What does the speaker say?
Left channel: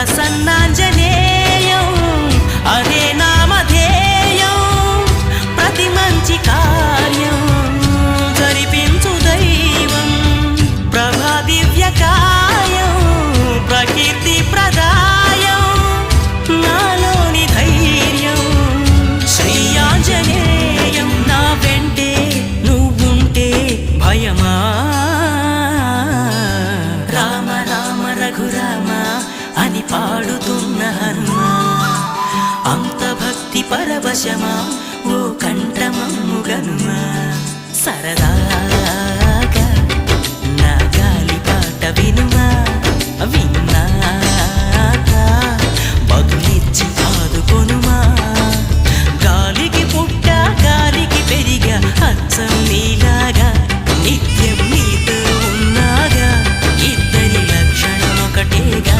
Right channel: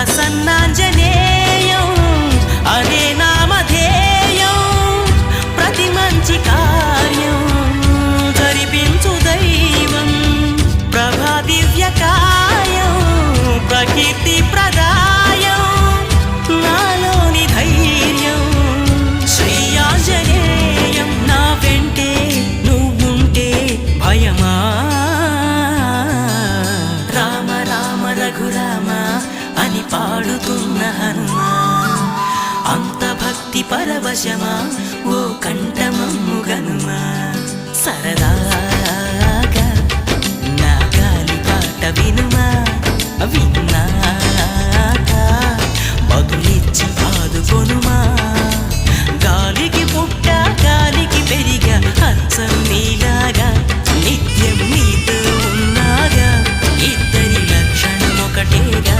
ప్రసన్నాంజనేయం అనే నామధేయం ప్రతి మంచి కార్యం జరిపించు దైవం ప్రభా దివ్యకాయం ప్రకీర్తి ప్రదాయం నాలోని ధైర్యం శ్రీ ఆంజనేయం నా వెంటే నువ్వుంటే భయమా రామ రామ రఘురామ అని పాడుతున్న హనుమా అంత భక్తి పరవశమా ఓ కంఠమమ్ము గనుమా సరదాగా నా గాలి పాట వినుమా విన్నాక బదులిచ్చి ఆదుకొనుమా గాలికి పుట్ట గాలికి పెరిగా అచ్చం నీలాగా నిత్యం నీతో ఉన్నాగా ఇద్దరి లక్షణం ఒకటేగా